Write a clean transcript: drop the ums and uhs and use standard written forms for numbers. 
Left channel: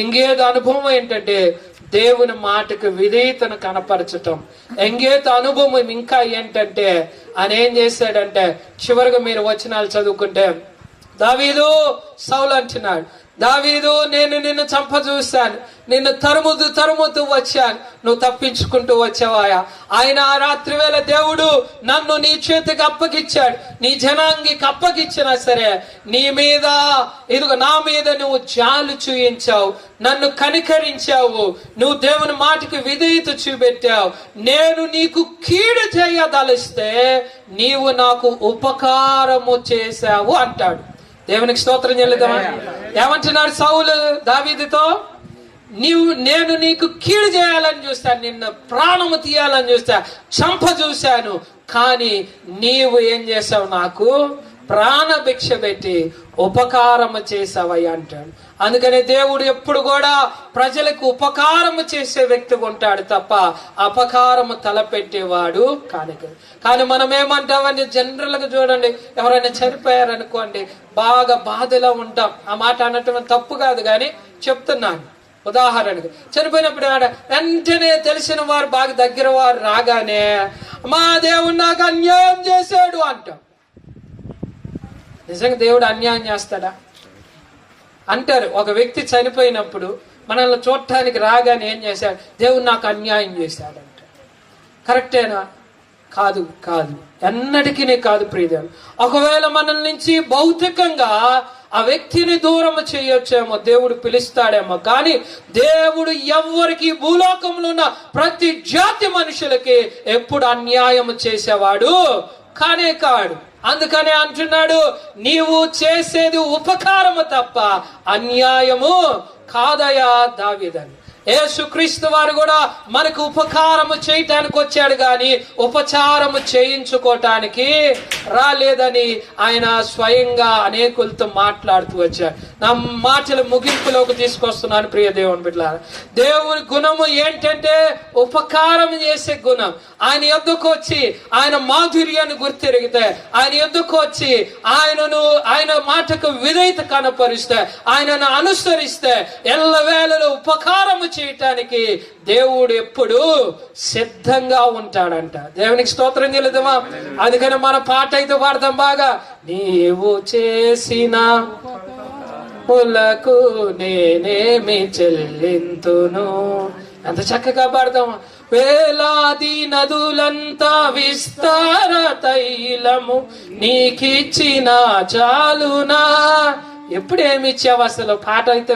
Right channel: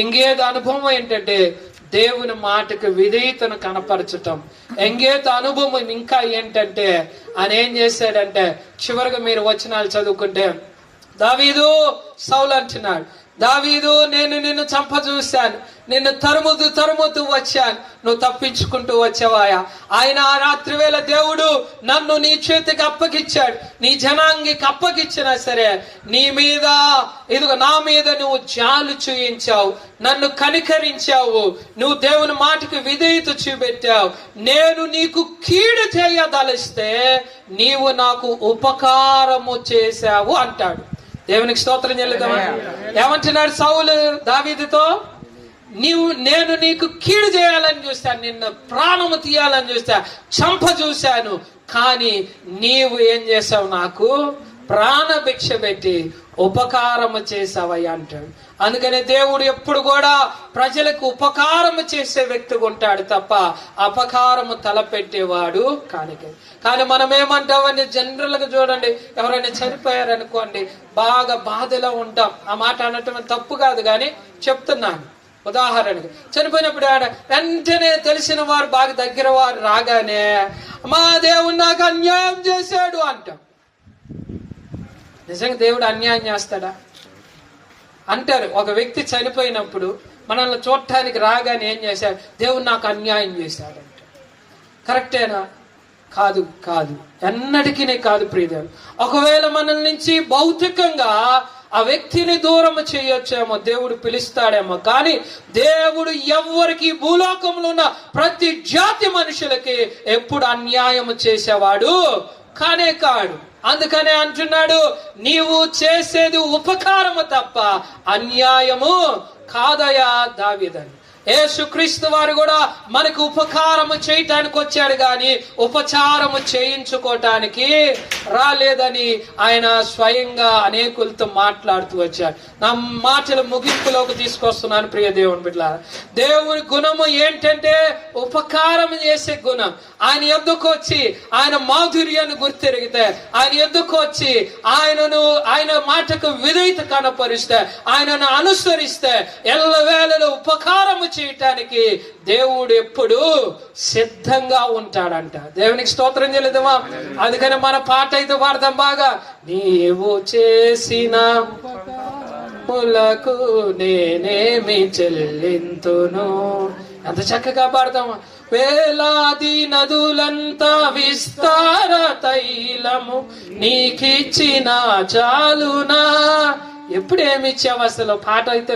ఇంకేదో అనుభవం ఏంటంటే దేవుని మాటకు విధేయతను కనపరచటం. ఎంగేత అనుభవం ఇంకా ఏంటంటే ఆయన ఏం చేశాడంటే, చివరిగా మీరు వచనాలు చదువుకుంటే, దావీదు సౌలు అంటున్నాడు, దావీదు నేను నిన్ను చంపజూశాను, నిన్ను తరుముతూ వచ్చాను, నువ్వు తప్పించుకుంటూ వచ్చావాయా. ఆయన ఆ రాత్రి వేళ దేవుడు నన్ను నీ చేతికి అప్పగిచ్చాడు, నీ జనాంగికి అప్పగిచ్చినా సరే నీ మీద నా మీద నువ్వు జాలు చూయించావు, నన్ను కనికరించావు, నువ్వు దేవుని మాటకి విధేయత చూపెట్టావు. నేను నీకు కీడు చేయదలిస్తే నీవు నాకు ఉపకారము చేశావు అంటాడు. దేవునికి స్తోత్రం చెల్లిద్దామా. ఏమంటున్నాడు సౌలు దావీదుతో, నేను నీకు కీడు చేయాలని చూస్తాను, నిన్ను ప్రాణము తీయాలని చూస్తా, చంప చూశాను, కానీ నీవు ఏం చేసావు, నాకు ప్రాణభిక్ష పెట్టి ఉపకారము చేసావయ్యా అంటాడు. అందుకని దేవుడు ఎప్పుడు కూడా ప్రజలకు ఉపకారము చేసే వ్యక్తిగా ఉంటాడు తప్ప అపకారము తలపెట్టేవాడు కానీ మనం ఏమంటామని జనరల్ గా చూడండి, ఎవరైనా చనిపోయారనుకోండి బాగా బాధలో ఉంటాం. ఆ మాట అనటం తప్పు కాదు, కానీ చెప్తున్నాను. ఉదాహరణకు చనిపోయినప్పుడు వెంటనే తెలిసిన వారు బాగా దగ్గర వారు రాగానే మా దేవుడు నాకు అన్యాయం చేశాడు అంటాం. నిజంగా దేవుడు అన్యాయం చేస్తాడా అంటారు. ఒక వ్యక్తి చనిపోయినప్పుడు మనల్ని చూడటానికి రాగానే ఏం చేశాడు, దేవుడు నాకు అన్యాయం చేశాడు అంటారు. కరెక్టేనా? కాదు, ఎన్నటికీ కాదు ప్రియులు. ఒకవేళ మన నుంచి భౌతికంగా ఆ వ్యక్తిని దూరం చేయొచ్చేమో, దేవుడు పిలుస్తాడేమో, కానీ దేవుడు ఎవ్వరికి భూలోకంలో ఉన్న ప్రతి జాతి మనుషులకి ఎప్పుడు అన్యాయం చేసేవాడు కాడు. అందుకనే అంటున్నాడు, నీవు చేసేది ఉపకారము తప్ప అన్యాయము కాదయా దావీదని. యేసుక్రీస్తు వారు కూడా మనకు ఉపకారము చేయటానికి వచ్చాడు కానీ ఉపచారము చేయించుకోవటానికి రాలేదని ఆయన స్వయంగా అనేకులతో మాట్లాడుతూ వచ్చాడు. నా మాటలు ముగింపులోకి తీసుకొస్తున్నాను ప్రియ దేవుని బిడ్డలారా. దేవుని గుణము ఏంటంటే ఉపకారం చేసే గుణం. ఆయన ఎద్దుకు వచ్చి ఆయన మాధుర్యాన్ని గుర్తెరిగితే, ఆయన ఎద్దుకు వచ్చి ఆయన మాటకు విధేయత కనపరిస్తే, ఆయనను అనుసరిస్తే ఎల్లవేళలో ఉపకారము చేయటానికి దేవుడు ఎప్పుడు సిద్ధంగా ఉంటాడంట. దేవునికి స్తోత్రం చెల్లిద్దామా. అందుకని మన పాట అయితే పాడతాం బాగా, నీవు చేసిన పులకు నేనేమి చెల్లింతును. ఎంత చక్కగా పాడతాం. వేలాది నదులంతా విస్తార తైలము నీకిచ్చిన చాలునా. ఎప్పుడేమి ఇచ్చావు అసలు? పాట అయితే